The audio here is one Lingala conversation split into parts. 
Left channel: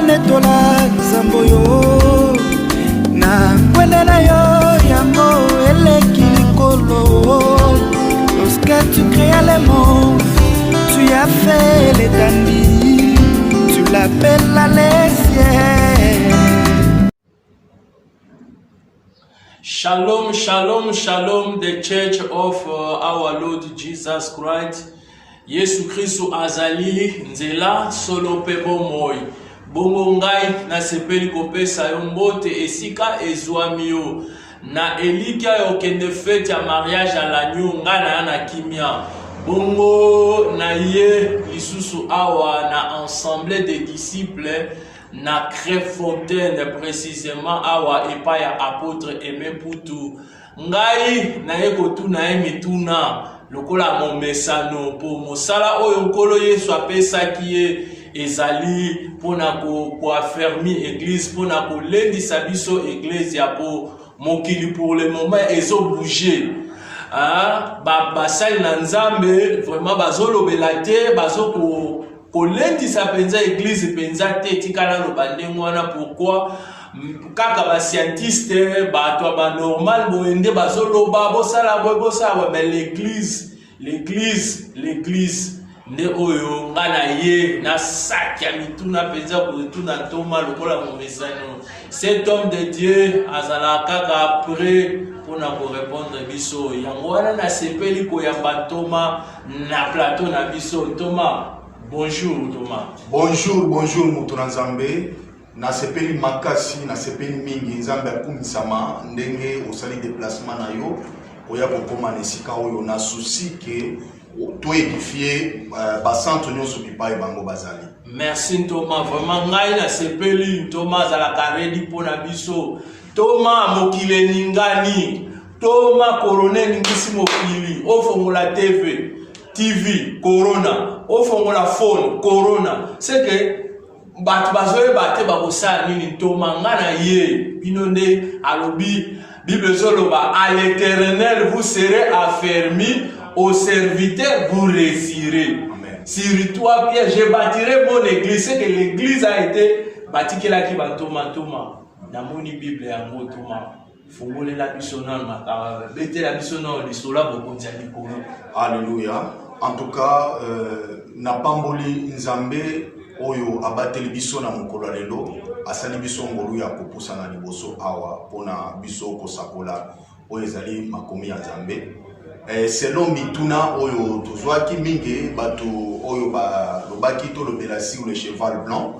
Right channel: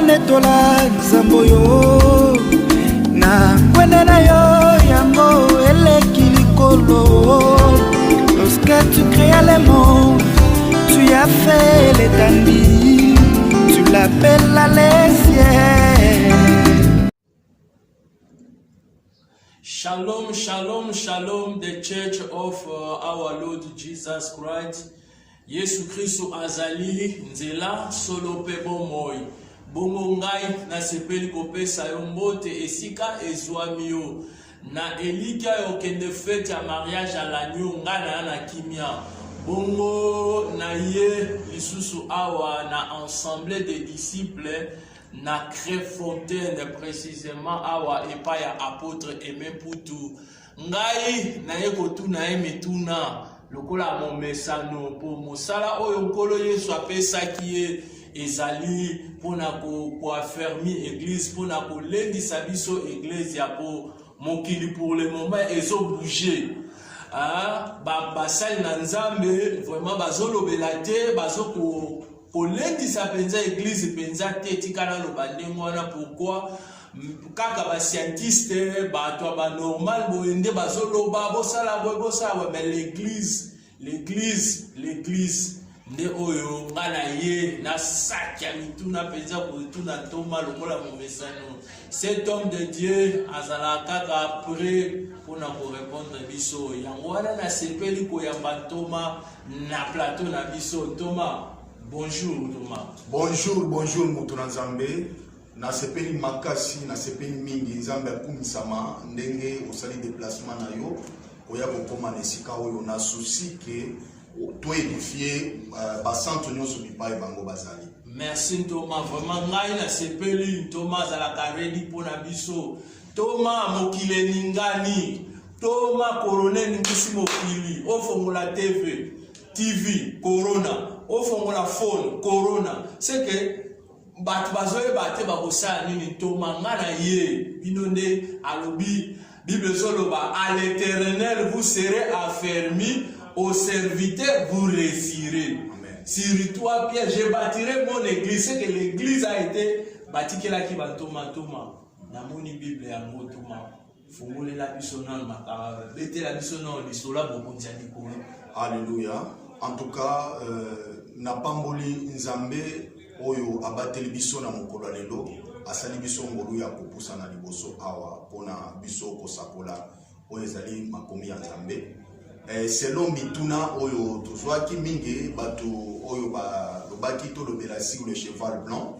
netola nzambo yo na kwenda na yo yango eleki likolo. Lorsque tu créas le monde, tu as fait l'étendue, tu l'appelles la ciel. Shalom, shalom, shalom, the Church of our Lord Jesus Christ. Yesu Kristo azali nzela solo pe bomoi. Bongo ngai na sepeli kopesa yo mbote esika ezwami yo. Na elika yo kende fete ya mariage à l'agneau ngana na kimia. Bongo na ye lisusu awa na ensemble des disciples na Créfontaine précisément awa epa ya apôtre Aimé Poutou. Ngai na ye kotuna ye mituna lokola mon mesano po mosala oyo nkolo Yesu apesaki ye ezali pona ko affermi église pona ko lendisa biso église ya po mokili pour le moment ezo bouger. Basali na nzambe vraiment bazolobela te bazo ko lendisa penza église penza te tikala loba ndenge wana. Pourquoi kaka ba scientiste bato ba normal boende bazoloba bosala mais l'église nde oyo ngana ye na saki ya mituna penza kotuna toma lokola momesano. Cet homme de Dieu azala kaka après pona ko répondre biso yango wana na sepeli ko yamba Toma na plateau na biso. Thomas, bonjour Thomas. Bonjour Mutuna Nzambe. Na sepeli makasi na sepeli mingi Nzambe akumisama ndenge osali déplacement na yo oya kokoma nesika oyo na souci que to édifier basanto nyonso bipai bango bazali. Merci Thomas, vraiment ngai na sepeli Thomas ala karedi pona biso. Thomas mokile ningani, Thomas colonel ngisi mokili ofongola TV corona, ofongola phone corona. C'est que bat bazoe bate bakosala nini Thomas ngana ye binonde alobi Bible zoloba à l'Éternel vous serez affermis, au serviteur vous réussirez. Sur toi Pierre, je bâtirai mon église. C'est que l'église a été bâtie qui la qui va Thomas na moni Bible yango Thomas fongole la biso na mata bete la biso na lisola bokonzi ya likolo. Alléluia. En tout cas na pamboli Nzambe oyo abateli biso na mokolo lelo asali biso ngolu ya kopusa na liboso awa pona biso kosakola oyo ezali makomi ya Nzambe. Selon mituna oyo tozwaki mingi bato oyo ba lobaki to lobela sur le cheval blanc.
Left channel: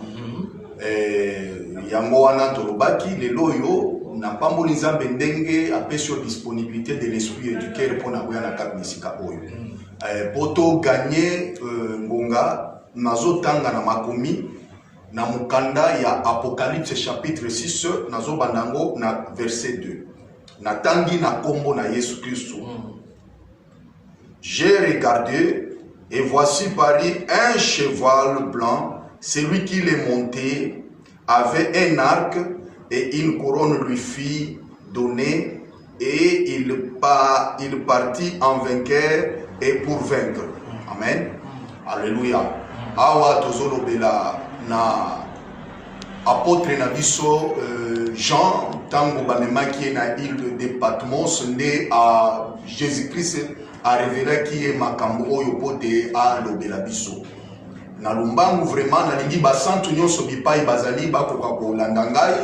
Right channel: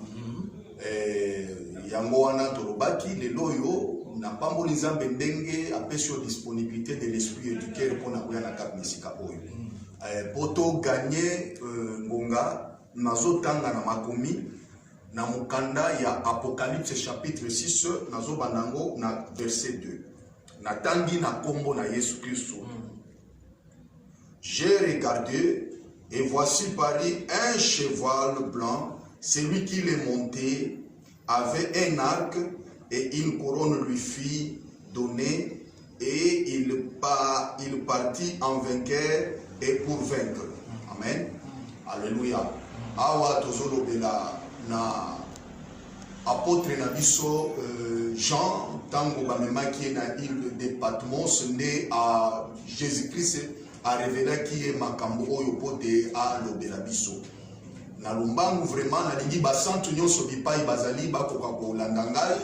Yango wana to lobaki lelo oyo na pamboli Nzambe ndenge apesio disponibilité de l'esprit et du cœur pona koya na kanisika oyo. Poto gagner ngonga nazo tanga na makomi na mukanda ya Apocalypse chapitre 6 nazo bandango na verset 2 na tangi na kombo na Yesu Kristo. J'ai regardé et voici parut un cheval blanc, celui qui l'est monté avait un arc et une couronne lui fit donner et il partit en vainqueur et pour vaincre. Amen. Alléluia. Awa tozolo bela na apôtre na biso Jean tango bamemaki na île de Patmos nde a Jésus-Christ a révélé qui est makambo oyo pote a lobela biso. Na lumbangu vraiment na lingi basantu nyonso bipai bazali bakoka kolanda ngai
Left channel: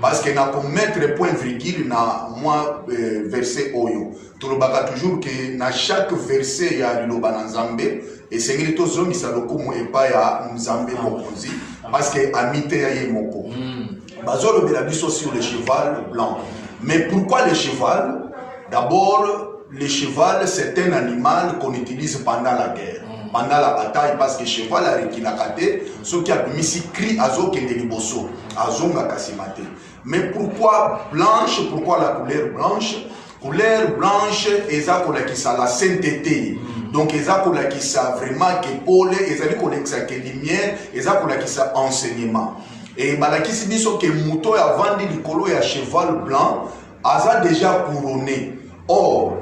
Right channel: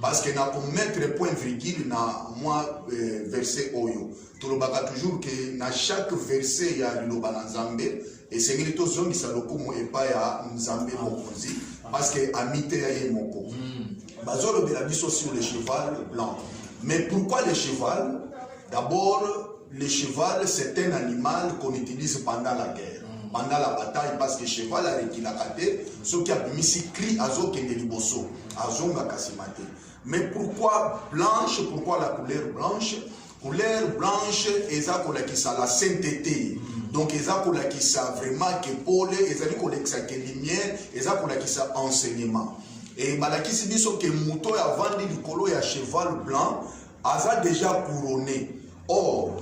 parce que na ko mettre point virgule na moi verset oyo. Tolobaka toujours que na chaque verset ya liloba na Nzambe et c'est que tous hommes qui sont lokomo epa ya Nzambe mokonzi parce que amite ya yemoko. Bazolo bela biso sur le cheval blanc. Mais pourquoi le cheval? D'abord le cheval c'est un animal qu'on utilise pendant la guerre, pendant la bataille parce que cheval a rekinakate ce qui a mis cri azo kende liboso azonga kasimate. Mais pourquoi blanche? Pourquoi la couleur blanche? Couleur blanche eza kolakisa la sainteté. Donc eza kolakisa vraiment que Paul ezali kolakisa que lumière eza kolakisa enseignement. Et balakisi biso que muto ya vandi likolo ya cheval blanc aza déjà couronné. Or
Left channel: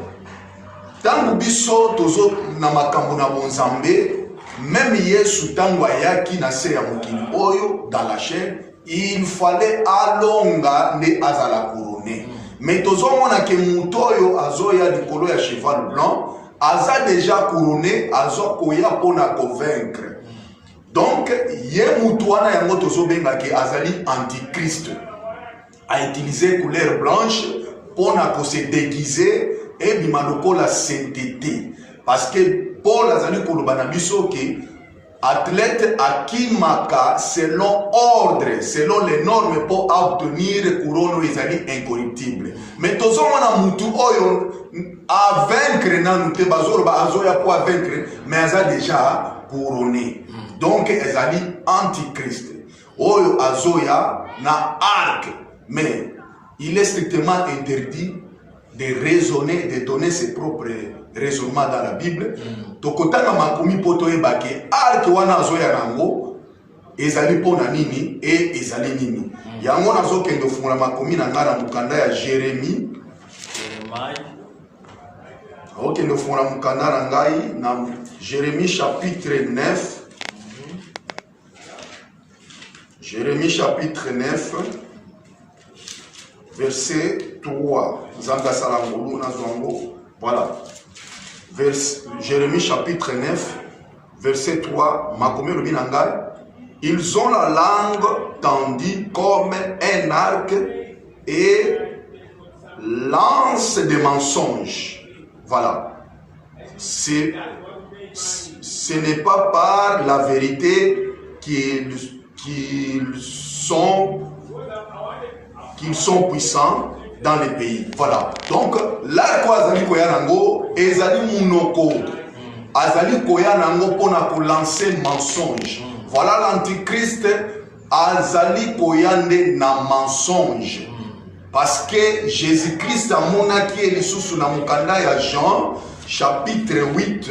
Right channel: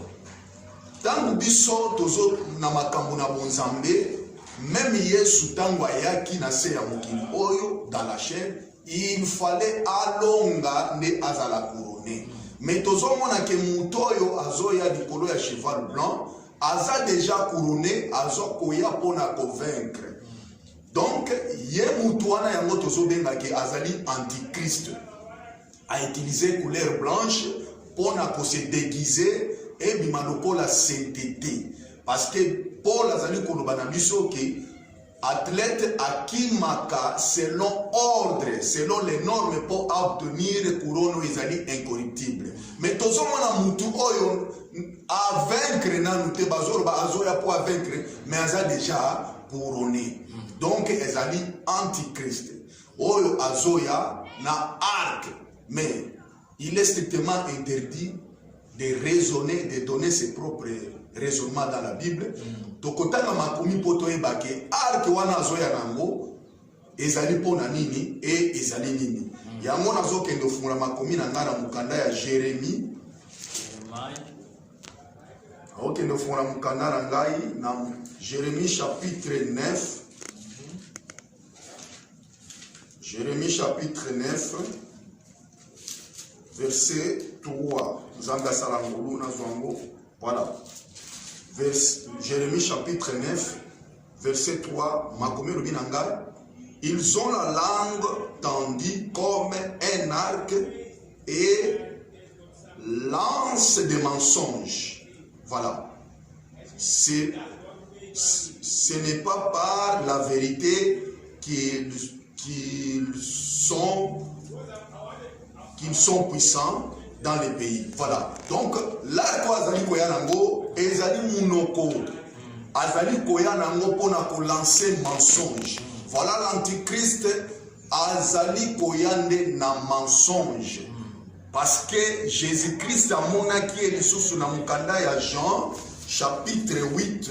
tangu biso tozo na makambo na bonzambe même Yesu tango ayaki na se ya mokili oyo dans la chair, il fallait alonga ne azala couronné. Mais tozomona ke mutu oyo azoya likolo ya cheval blanc aza déjà couronné, azo koya pona convaincre. Donc ye mutu wana yango tozobenga ke azali antichrist, a utilisé couleur blanche pona ko se déguiser et bima lokola sainteté. Parce que Paul azali koloba na biso ke athlète akimaka selon ordre, selon les normes pour obtenir couronne ezali incorruptible. Mais tozomona mutu oyo a vaincre nanu te bazoloba azoya pour vaincre, mais aza déjà couronné. Donc ezali antichrist. Oyo azoya na arc, mais il est strictement interdit de raisonner, de donner ses propres raisonnements dans la Bible. Tokotanga makomi poto ebake arc wana azoya nango ezali pona nini et ezali nini. Yango nazo kendo fungula makomi na ngana mukanda ya Jérémie. Ok, nous faisons la mukanda ngai na Jérémie chapitre 9. Jérémie chapitre 9 verset 3. Zanga salangolu na zongo. Voilà. Jérémie chapitre 9 verset 3. Makomi lobi na ngai. Ils ont la langue tendue comme un arc et lance des mensonges. Voilà. Ce n'est pas par la vérité qu'ils sont puissants dans les pays. Voilà. Donc, là, quoi, Azali Koyanango, Ezali Munoko, Azali Koyanango, pour lancer mensonge. Voilà l'antichrist, Azali Koyande na mensonge. Parce que Jésus-Christ a monaki elisusu na mukanda ya Jean, chapitre 8,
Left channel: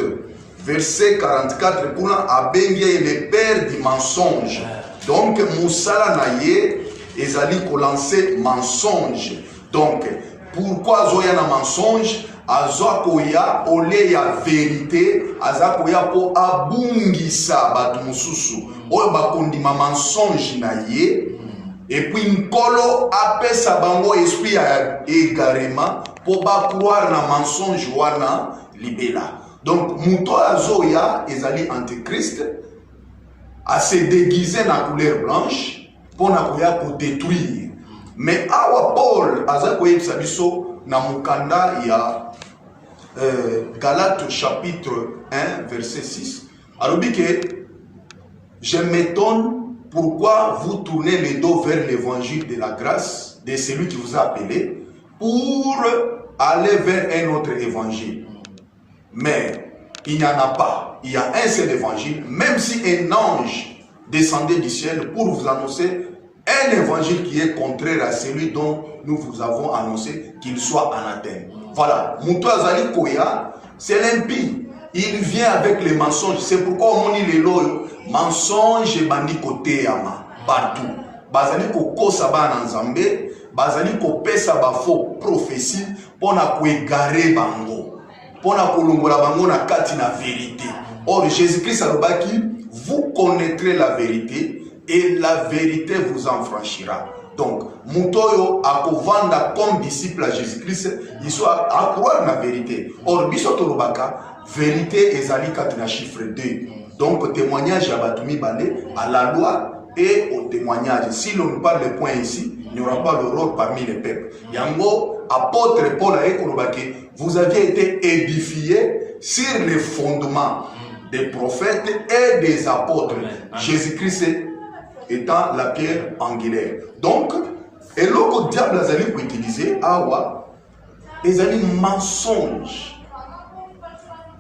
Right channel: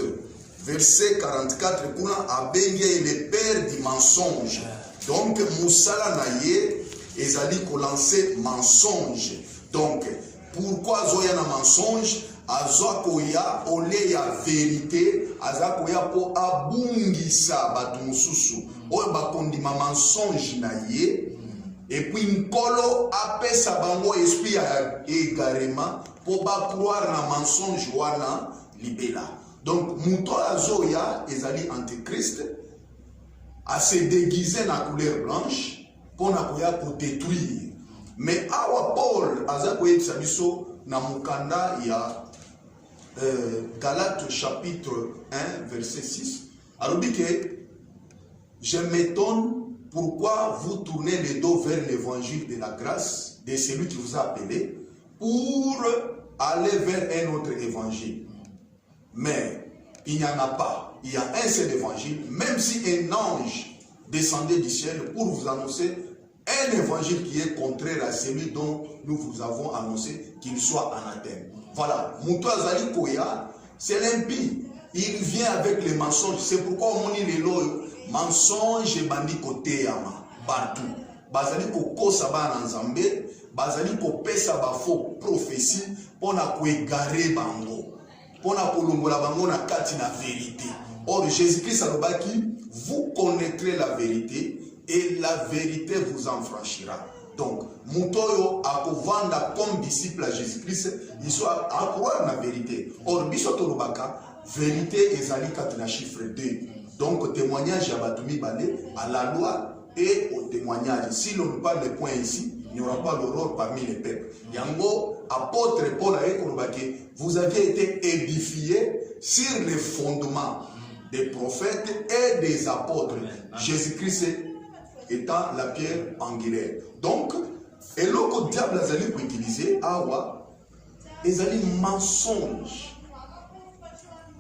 verset 44, kuna abengi le père du mensonge. Donc, Moussala naye, ezali ko lancer mensonge. Donc, pourquoi zoya na mensonge? Azokoya ole ya vérité, azokoya po abungisa batu mususu. Oyo bakondima mensonge na ye. Et puis Nkolo apesa bango esprit ya égarement pour pas croire na mensonge wana libela. Donc muto azoya ezali antichrist a se déguiser na couleur blanche pour na koya pour détruire. Mais awa Paul azakoye biso na mukanda ya Galates chapitre 1 verset 6. Alors dit que je m'étonne pourquoi vous tournez le dos vers l'évangile de la grâce de celui qui vous a appelé pour aller vers un autre évangile. Mais il n'y en a pas. Il y a un seul évangile, même si un ange descendait du ciel pour vous annoncer un évangile qui est contraire à celui dont nous vous avons annoncé, qu'il soit anathème. Voilà. Moutou Azali Koya, c'est l'impie. Il vient avec les mensonges. C'est pourquoi on dit les lois. Mensonge et bandi côté yama partout. Bazali ko kosa ba na nzambe, bazali ko pesa ba faux prophétie pona ko égarer bango. Pona ko longola bango na kati na vérité. Or Jésus-Christ alobaki, vous connaîtrez la vérité et la vérité vous en franchira. Donc, mutoyo akovanda comme disciple à Jésus-Christ, il soit à croire na vérité. Or biso tolobaka, vérité ezali kati na chiffre 2. Donc, au témoignage à Batoumi Balé, à la loi et au témoignage. Si l'on parle des points ici, il n'y aura pas d'horreur parmi les peuples. Yango, apôtre Paul a écrit, vous aviez été édifiés sur les fondements des prophètes et des apôtres. Jésus-Christ étant la pierre angulaire. Donc, et l'autre diable a pour utiliser, awa, les alliés mensonges.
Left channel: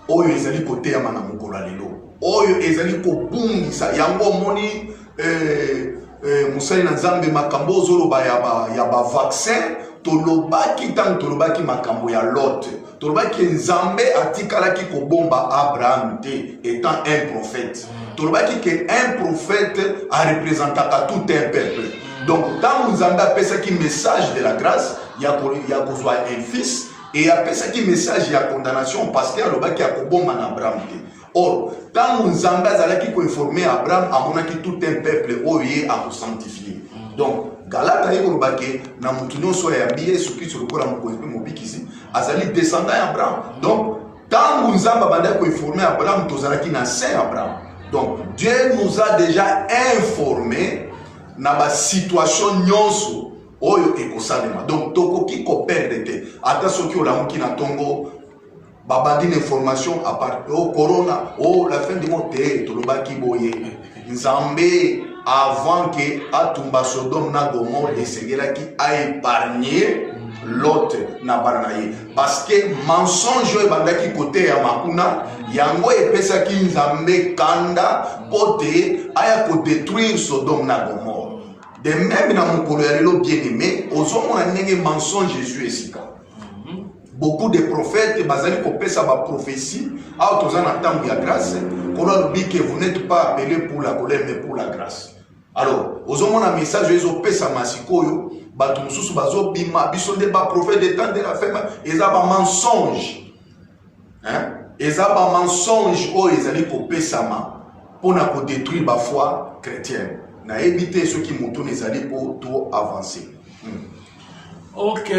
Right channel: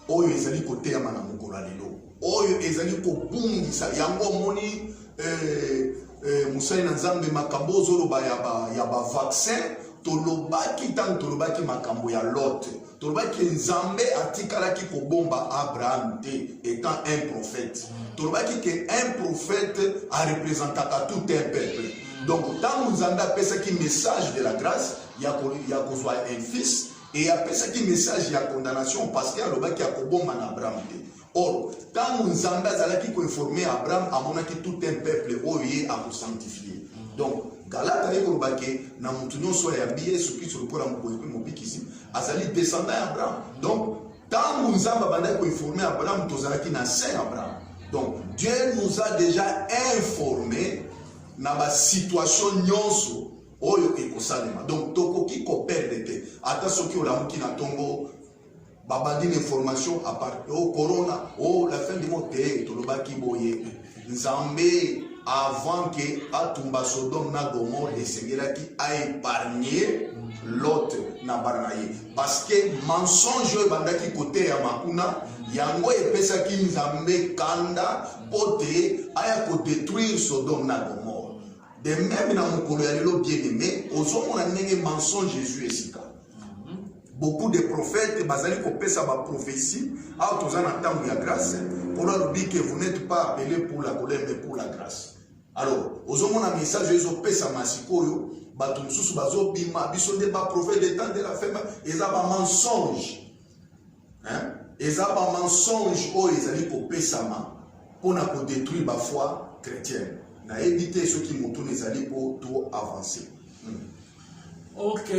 Oyo ezali kote ya mana mukolo lelo. Oyo ezali ko bungisa yango moni musali na nzambe makambo zoloba ya ba vaccin tolobaki tant tolobaki makambo ya Lot. Tolobaki nzambe atikalaki ko bomba Abraham te étant un prophète. Tolobaki que un prophète a représenté tout un peuple. Donc tant nzambe apesa ki message de la grâce, ya kozwa un fils. Et après ça qui message il y a condamnation parce qu'il y a le bas qui a koboma na Abraham. Or, quand nous avons qui informer Abraham, à tout un peuple oye à sanctifier. Donc, Galata Yorubake, na mutuno soya biye suki sur le corps mobikisi, azali descendant Abraham. Donc, quand nous avons informé Abraham, nous avons na saint Abraham. Donc, Dieu nous a déjà informé na ba situation nyonso oyo ekosalema. Donc, tokoki ko perdre te. Ata soki olamuki na tongo babandi information à part au corona, la fin du monde te tolobaki boye. Nzambe avant que atumba Sodome na Gomorrhe esengela qui a épargné l'autre na baranaye parce que mensonge oyo bandaki côté ya makuna yango epesa ki Nzambe kanda pote aya ko détruire Sodome na Gomorrhe. De même na mokolo ya lelo bien aimé ozomona ndenge mensonge Jésus esika. Beaucoup de prophètes bazali ko pesa ba prophétie a tozana tangu ya grâce qu'on a dit que vous n'êtes pas appelé pour la colère mais pour la grâce. Alors, ozomona message ezo pesa masikoyo bato mususu bazo bima biso nde ba prophète de temps de la fin eza ba mensonge. Hein? Eza ba mensonge o ezali ko pesa ma pona ko détruire ba foi chrétienne. Na éviter ceux qui montent ezali pour tout avancer. Ok.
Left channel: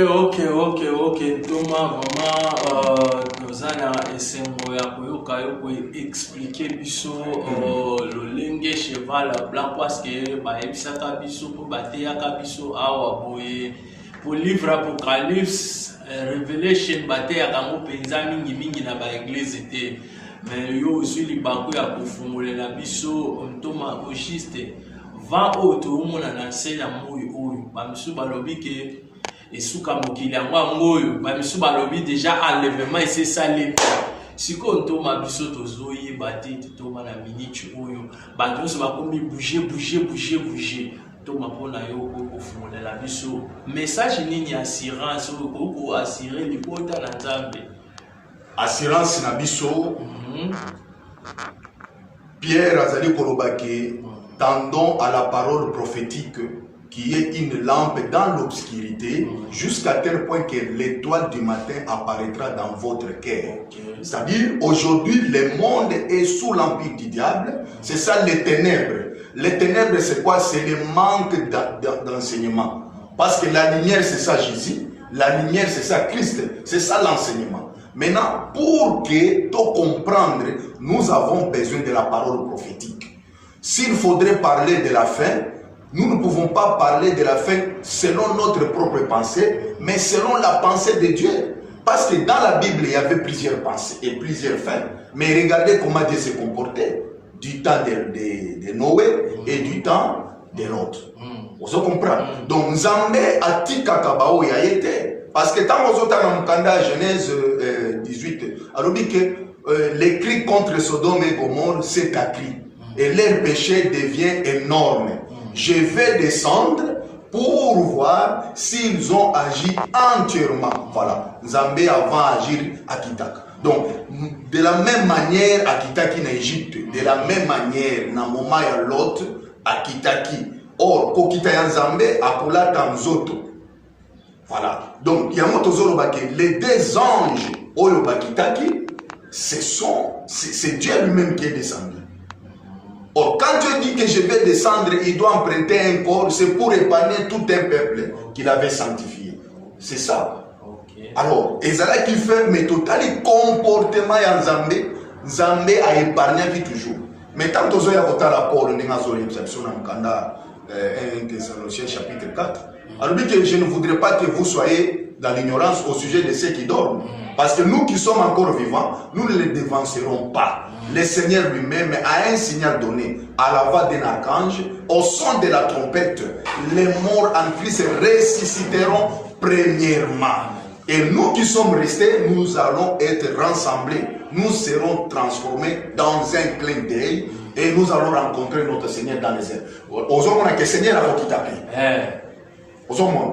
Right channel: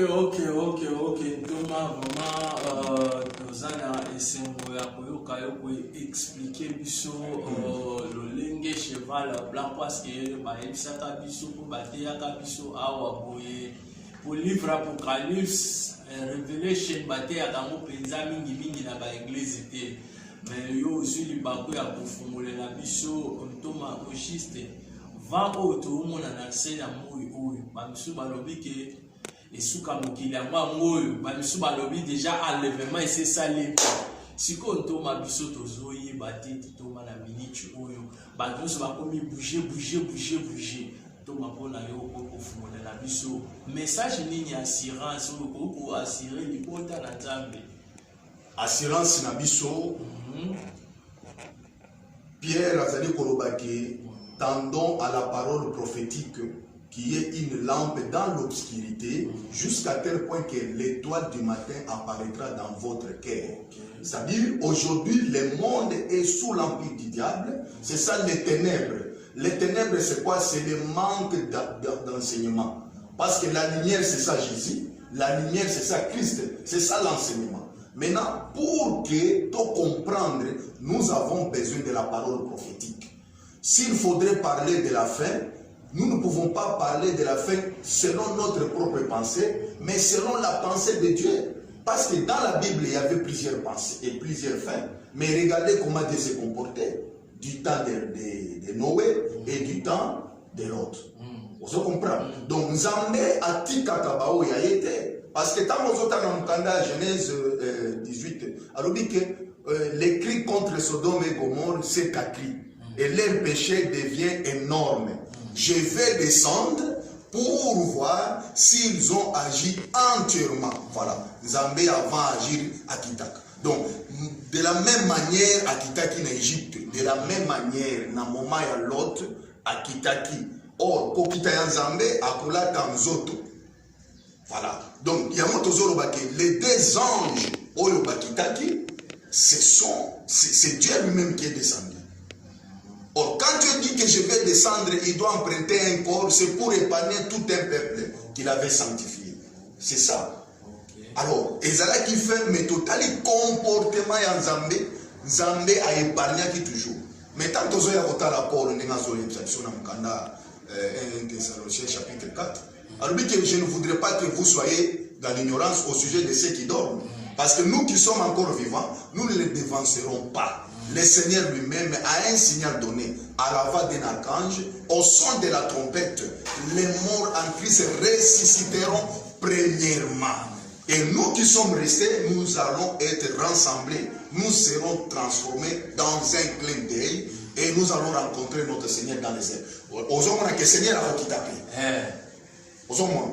Thomas, vraiment, nous allons essayer de expliquer le lingue cheval blanc parce que pour livre Apocalypse, Revelation, mingi na ba église était. Mais yo aussi les banques ya kufungula na biso Thomas Oshiste va auto mona na sena moyo oyo ba misu balobi ke et sous Kamokili, Bamisu Balobi déjà enlèvement et c'est ça l'état. Si on tombe à Bisso Tozoye, Bati, Toma la minute, Bandus va comme bouger. Toma Pona Yoko, au fond de la Bisso. Message ni assurance, ou assurer les potes à la table. Assurance na Bisso. Pierre Azali Kolobake, tendons à la parole prophétique qui est une lampe dans l'obscurité, jusqu'à tel point que l'étoile du matin apparaîtra dans votre cœur. C'est-à-dire, aujourd'hui, le monde est sous l'empire du diable. C'est ça les ténèbres. Les ténèbres, c'est quoi? C'est le manque d'enseignement. Parce que la lumière, c'est ça Jésus. La lumière, c'est ça Christ. C'est ça l'enseignement. Maintenant, pour que tu comprendre, nous avons besoin de la parole prophétique. S'il faudrait parler de la fin, nous ne pouvons pas parler de la fin selon notre propre pensée, mais selon la pensée de Dieu. Parce que dans la Bible, il y avait plusieurs pensées et plusieurs fins. Mais regardez comment Dieu s'est comporté du temps de Noé et du temps de Lot. Vous comprenez? Donc, Nzambe a dit qu'Akabao y a été. Parce que quand on entend dans Genèse 18, alors dit que les cris contre Sodome et Gomorrhe, c'est un cri. Et leur péché devient énorme. Je vais descendre pour voir s'ils ont agi entièrement. Voilà. Nzambe avant agir à Kitaka. Donc, de la même manière à Kitaki en Égypte, de la même manière, na moment ya Lot à Kitaki. Or, Kokita ya Nzambe à Kola Tamzoto. Voilà. Donc, il y a les deux anges, Oyo Bakitaki, c'est Dieu lui-même qui est descendu. Or, quand Dieu dit que je vais descendre, il doit emprunter un corps, c'est pour épargner tout un peuple qu'il avait sanctifié. C'est ça. Alors, Ezra qui fait, mais total comportement ya Nzambe a épargné qui toujours. Mais tant que vous avez un rapport, nous avons une exception dans 1 Thessaloniciens chapitre 4. Alors, que je ne voudrais pas que vous soyez dans l'ignorance au sujet de ceux qui dorment. Parce que nous qui sommes encore vivants, nous ne les dévancerons pas. Le Seigneur lui-même a un signal donné à la voix d'un archange, au son de la trompette, les morts en Christ ressusciteront premièrement. Et nous qui sommes restés, nous allons être rassemblés, nous serons transformés dans un clin d'œil et nous allons rencontrer notre Seigneur dans les airs. Aujourd'hui, on a que le Seigneur a quitté.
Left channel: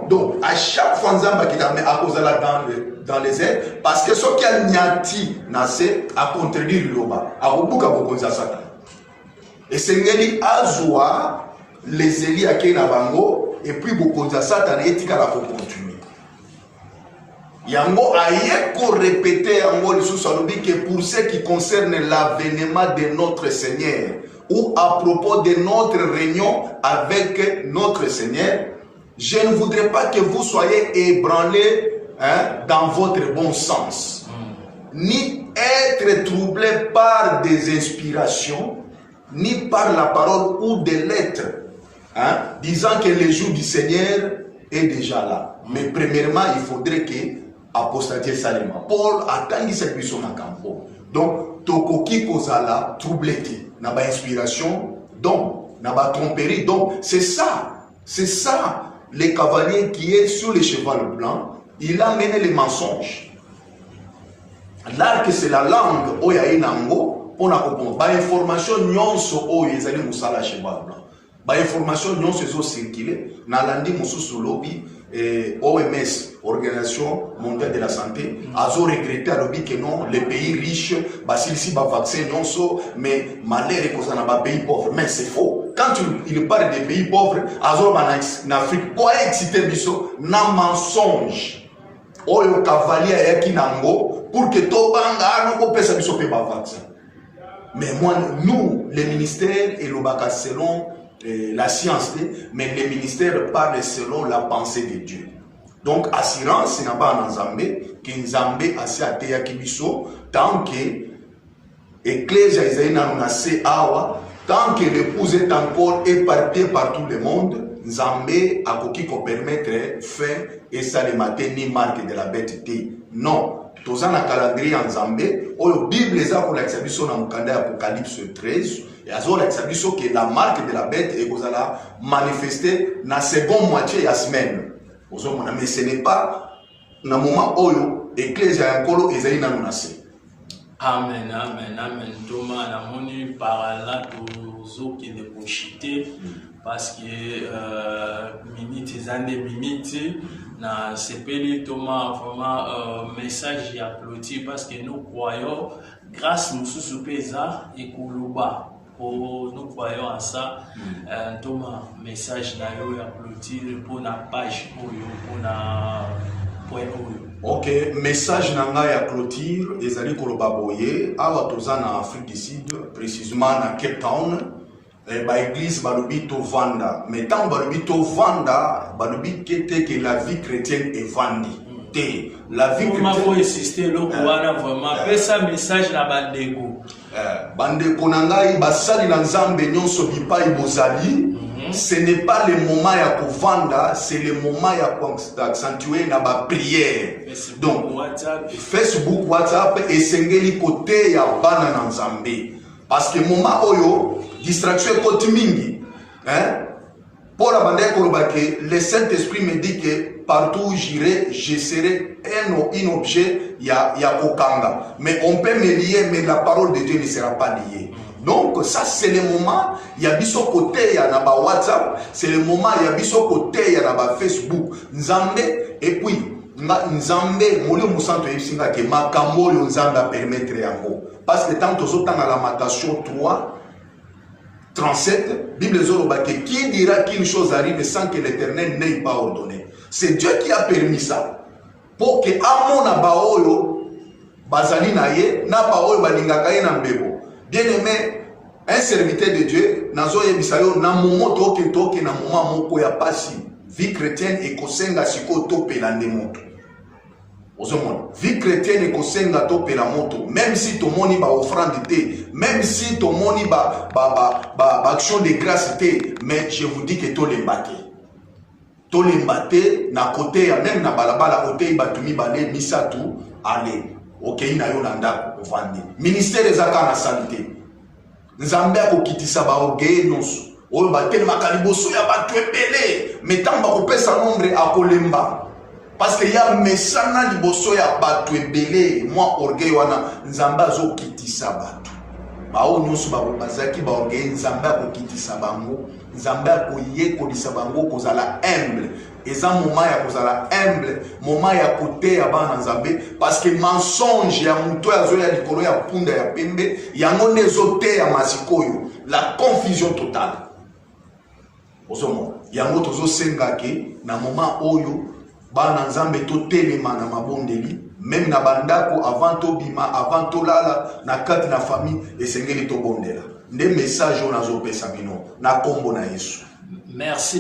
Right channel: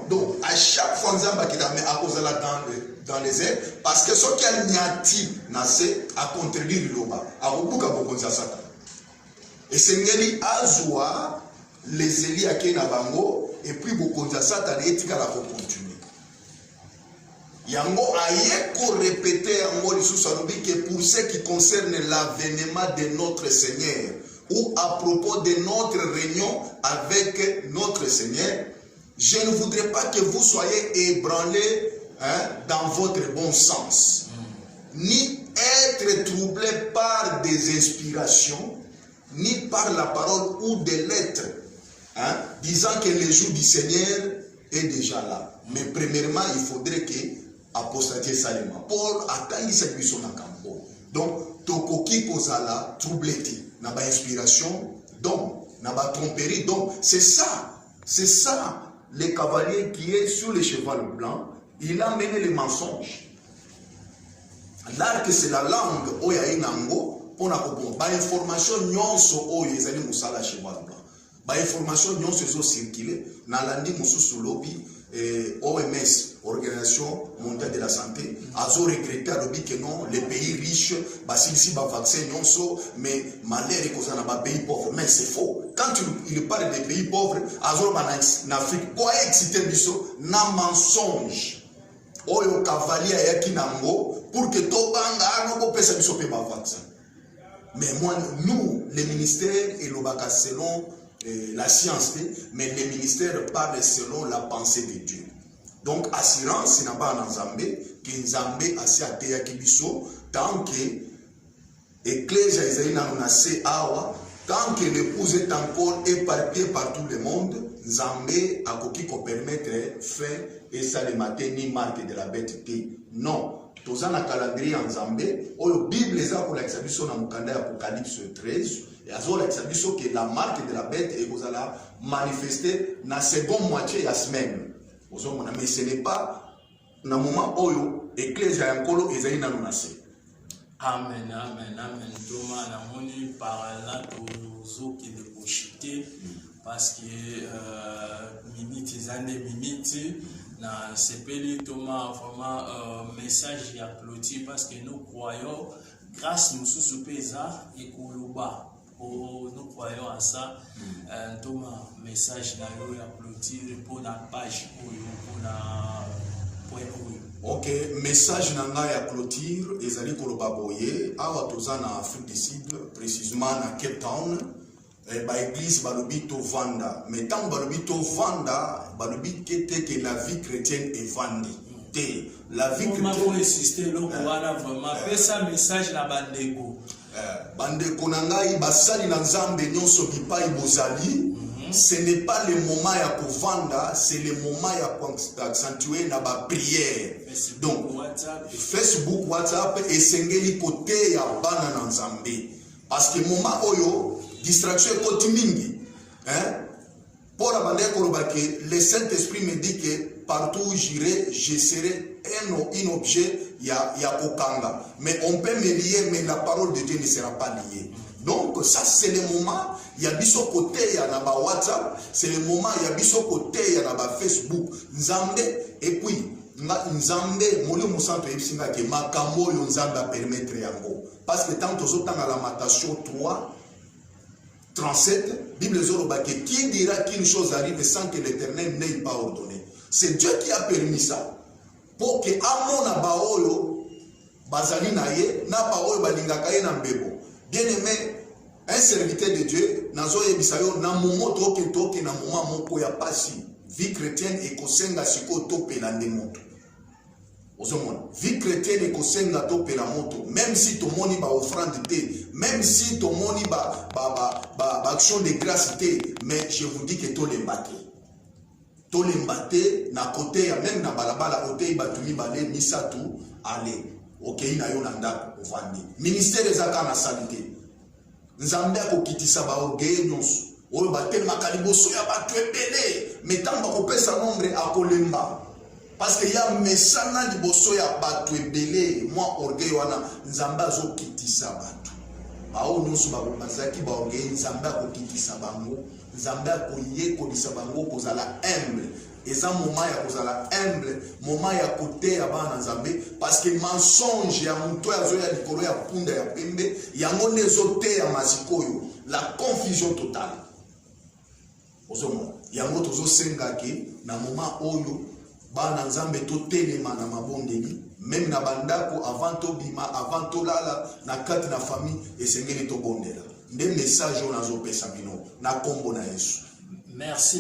Donc, à chaque fois, nous avons quitté à cause de la dans les airs, parce que ce qui a niati nassé a contredit l'oba, a rebuka bokonza satan. Et Seigneur Azoua, les Élis à Kenabango, et puis bokonza satan et tika la pour continuer. Yango ayeko répéter yango lisusu alobi que pour ce qui concerne l'avènement de notre Seigneur ou à propos de notre réunion avec notre Seigneur, je ne voudrais pas que vous soyez ébranlés dans votre bon sens, ni être troublés par des inspirations, ni par la parole ou des lettres, disant que le jour du Seigneur est déjà là. Mais premièrement, il faudrait que apostatie salima. Paul attendit cette mission en campo. Donc, tokoki kozala troublé, n'a pas inspiration, donc, n'a pas tromperie. Donc, c'est ça, le cavalier qui est sur le cheval blanc, il a mené les mensonges. L'arc, c'est la langue, oya inango, pour na comprendre. Ba information nyonso oyo ezali musala cheval blanc. Ba information nyonso ezo circuler na landi mususu lobi OMS, Organisation mondiale de la santé, a regretté à l'objet que non, les pays riches, s'ils si vaccin non so, mais malheur est qu'on a pays pauvres. Mais c'est faux. Quand il parle des pays pauvres, en Afrique, pour exciter biso, na mensonge. Oyo cavalier yaki nango pour que to banga no pesa biso pe vaccin. Mais moi, nous, les ministères et l'obaka selon la science, mais les ministères parlent selon la pensée de Dieu. Donc, assurance, n'a pas en Nzambé, que Nzambé a se ateya kibiso, tant que l'Église Isaïna nase awa, tant que l'épouse est encore éparpillée par tout le monde, Nzambé a koki ko permettre fin et ça le matin ni marque de la bête. Non. Tous en calendrier en Nzambé, la Bible les a pour l'exhibition dans Apocalypse 13. Et alors l'exhibition que la marque de la bête est qu'on a manifesté dans la seconde moitié de la semaine. Mais ce n'est pas dans le moment où l'Église a encore Esaïe n'a pas. Amen, amen, amen. Thomas n'a pas par là tous qui ne pochité parce que minutes et années minutes. Na sepeli Thomas vraiment message applaudi parce que nous croyons grâce nous sous pesa et kuluba nous croyons à ça. Thomas message na yo applaudi pour na page pour na point OK, message na nga ya clôture ezali koloba boye awa toza na Afrique du Sud précisément na Cape Town. Ba église balobi to vanda mais tant balobi to vanda balobi que la vie chrétienne est vendue. La vie chrétienne faut insister le voilà vraiment fait ça message na bandeko bandeko na ngai basali na Nzambe nyonso bipai bozali. Ce n'est pas le moment ya kovanda, c'est le moment ya accentuer na ba prière. Donc Facebook, WhatsApp et sengeli côté ya bana na Nzambe parce que moment oyo distraction côté mingi pour la que le Saint-Esprit me dit que partout où j'irai je serai un objet ya kokanga, mais on peut me lier mais la parole de Dieu ne sera pas liée. Donc ça c'est le moment il y a biso côté ya na ba WhatsApp, c'est le moment il y a biso côté ya na ba Facebook Nzambe et puis Nzambe moli musanto yebisinga ke makambo yo Nzambe a permettre yango parce que tant aux autres dans la Lamentation 3 37, Bible Zoroba, qui dira qu'une chose arrive sans que l'Éternel n'ait pas ordonné. C'est Dieu qui a permis ça. Pour que Amon Abaoyo, Bazali Naye, Nabaoyo Balingakaye Nambebo. Bien aimé, un serviteur de Dieu, Nazoye Bisayo, Namomo Toke Toke, Namoma Moko ya Pasi, vie chrétienne et Kosenga Siko Tope Landemoto. Vie chrétienne et kosenga to la moto, même si ton moni ba offrande té, même si ton moni ba action de grâce té, mais je vous dis que to l'embate na côté ya même na balabala côté batumi balé misatu allez OK ina yolanda vandi ministère des affaires na santé Nzambe akokitisa ba oge nyonso oyo bateli makaliboso ya batu ebele mais tamba kopesa nombre akolemba. Parce qu'il y a mesana liboso ya batu ebele moi orgueil wana Nzamba zo kitisa batu bao nyonso bazaki ba orgueil Nzamba ko kitisa bango Nzamba ko yekolisa bango kozala humble eza moment ya kozala humble moment ya kote ya bana Nzambe parce que mensonge ya muto ya zo ya likolo ya punda ya pembe yango nezo te ya masikoyo la confusion totale ozomo yango tozo senga ke na moment oyo bana nzambe to telema na mabondeli même na bandako avant to bima avant to lala na kati na famille esengeli to bondela nde message on azopesa bino na kombo na Yesu. Merci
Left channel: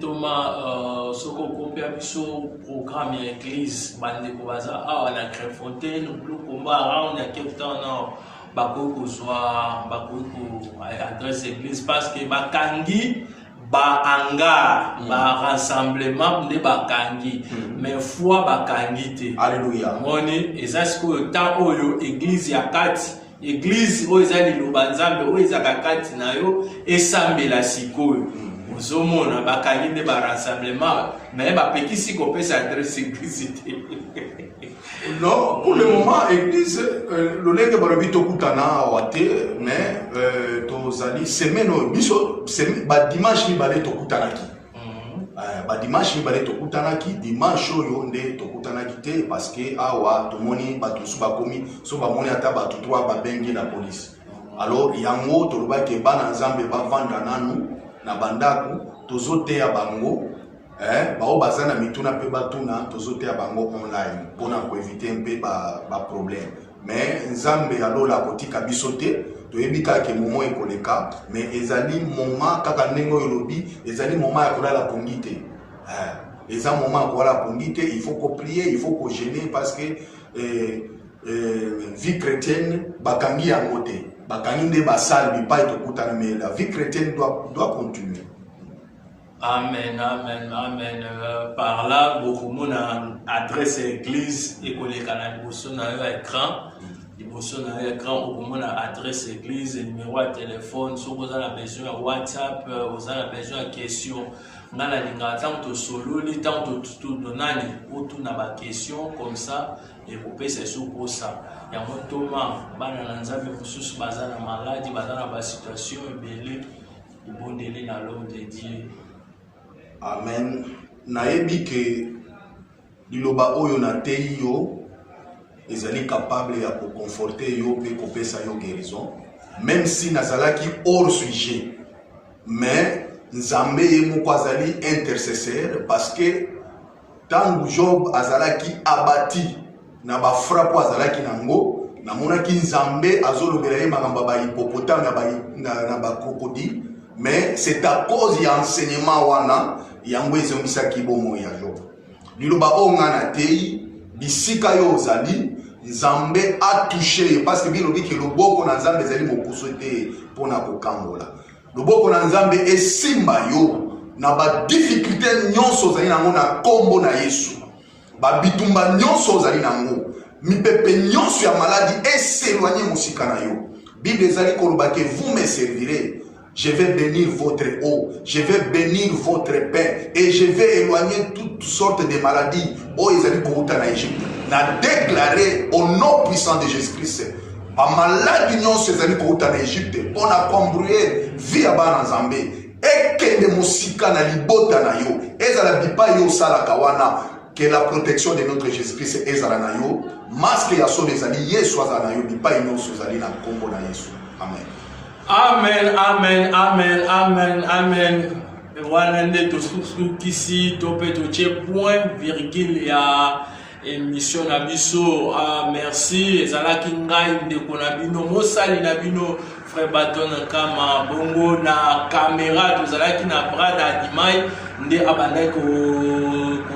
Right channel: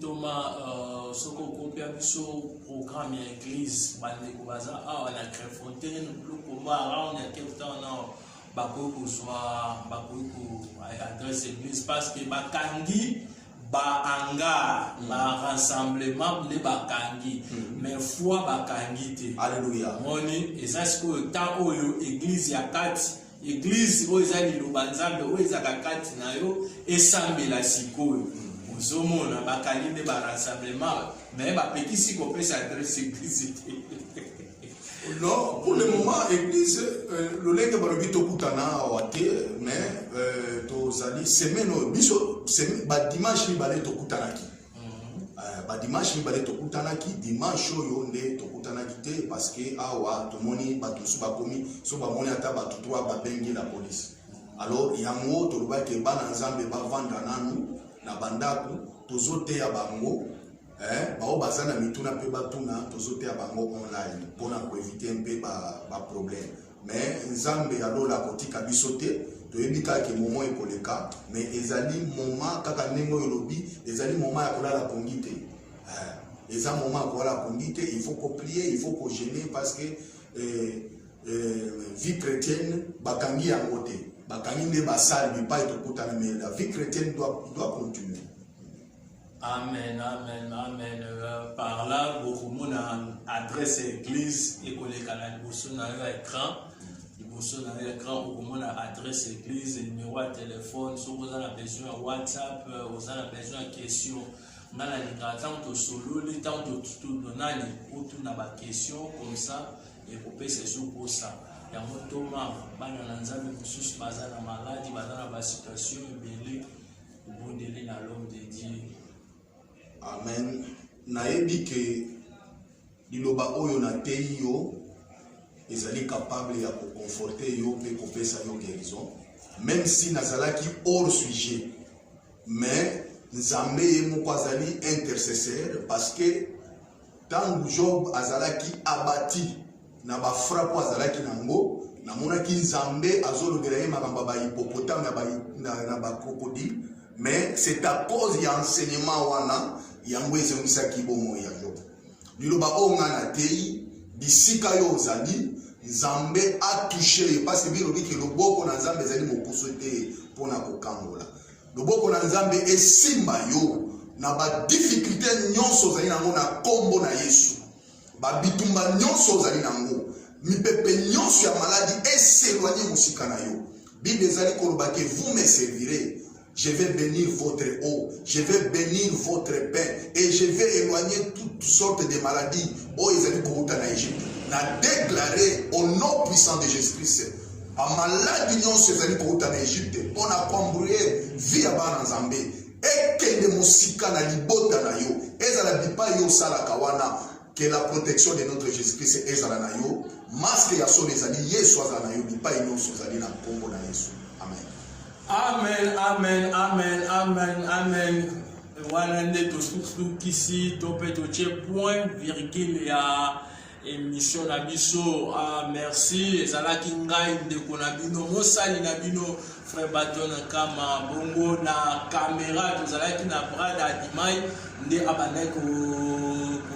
Thomas. Soko kopia biso programme ya église bande ko baza a na Créfontaine plus combat around ya Cape Town na bakoko soit bakoko adresse église parce que bakangi ba anga ba rassemblement de bakangi mais foi bakangi te. Alléluia. Moni ezasko ta oyo église ya kati église oyo ezali lobanzambe oyo ezakakati na yo esambela sikoyo. Zomona bakangi de ba rassemblement mais ba pekisi ko pesa adresse église. Non, pour le moment, l'église, le lenge balobi tokutana wate, mais tozali semaine biso ba dimanche ni balé tokutanaki. Ba dimanche ni balé tokutanaki, dimanche oyo nde tokutanaki te parce que awa tomoni batu su bakomi so ba moni ata batu 3 ba bengi la police. Alors yango toloba ke bana nzambe ba vanda nanu na bandaku tozoteya bango. Bao bazana mituna pe batuna tozote ya bango online pour éviter un peu ba problème mais nzambe alola kotika bisote toyebika ke momo ekoleka mais ezali moment kaka nengo yolobi ezali moment ya kolala pongite eza moment ya kolala pongite il faut ko prier il faut ko jeûner parce que vie chrétienne bakangi yango te bakangi nde basali bipa etokutana mais la vie chrétienne doit continuer. Amen, amen, amen. Par là, beaucoup de monde adresse l'église et qu'on est canal sur l'écran. Sur l'écran, beaucoup de monde adresse l'église, le numéro de téléphone. Si vous avez besoin de WhatsApp, vous avez besoin de questions. Vous avez tant de solo, tant de tout donner pour tout na question comme ça et vous pouvez se pour ça. Il y a un Thomas, bananzabe kususu bazana maladie, bazana ba situation belé, bon délai dans l'homme de Dieu. Amen. Nayebi ke liloba oyo na tei yo ezali capable ya ko conforter yo pe ko pesa yo guérison même si nazalaki hors sujet mais nzambe ye moko azali intercesseur parce que tangu Job azalaki abati na ba frappe azalaki nango namonaki nzambe azolobela ye makambo ba hippopotame na ba crocodile mais c'est à cause ya enseignement wana yango ezomisaki bomo ya Job. Liloba onga na tei bisika yo ozali nzambe a touché parce que bilobi ke loboko na nzambe ezali mokuso te pona kokangola. Loboko na nzambe esimba yo na ba difficulté nyonso ozali nango na kombo na Yesu. Ba bitumba nyonso ozali nango mipepe nyonso ya maladie eséloigner musika na yo. Bible ezali koloba ke vous me servirez. Je vais bénir votre eau, je vais bénir votre pain et je vais éloigner toutes sortes de maladies. Oh, ils ont dit en Égypte. N'a déclaré au nom puissant de Jésus-Christ. Pas maladie non ces amis en Égypte. On a combré via Banazambe. Et que les musika na libota na yo. Ezala bipa yo sala kawana. Que la protection de notre Jésus-Christ ezala na yo. Masque ya so des alliés Yesu azala na yo. Bipa yo sozali na kombo na Yesu. Amen. Amen, amen, amen, amen, amen. Wanande to kisi to petoche point virgule ya émission na biso. Merci ezalaki ngai ndeko na bino mosali na bino frère Baton kama bongo na caméra tozalaki na brada Dimai nde abandai ko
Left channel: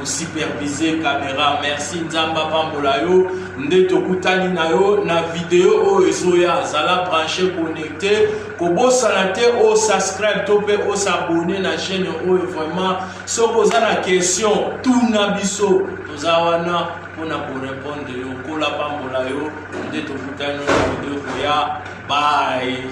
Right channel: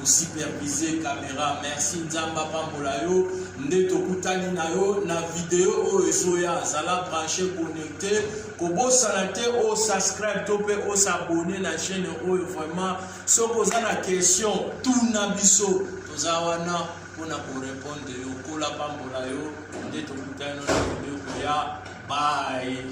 superviser caméra. Merci nzamba pambola yo nde tokutani na yo na vidéo o ezoya zala branché connecté ko bosana te o subscribe to pe o s'abonner na chaîne o vraiment soko za na question tout na biso tozawana pona ko répondre yo kola pambola yo nde tokutani na vidéo ko ya bye.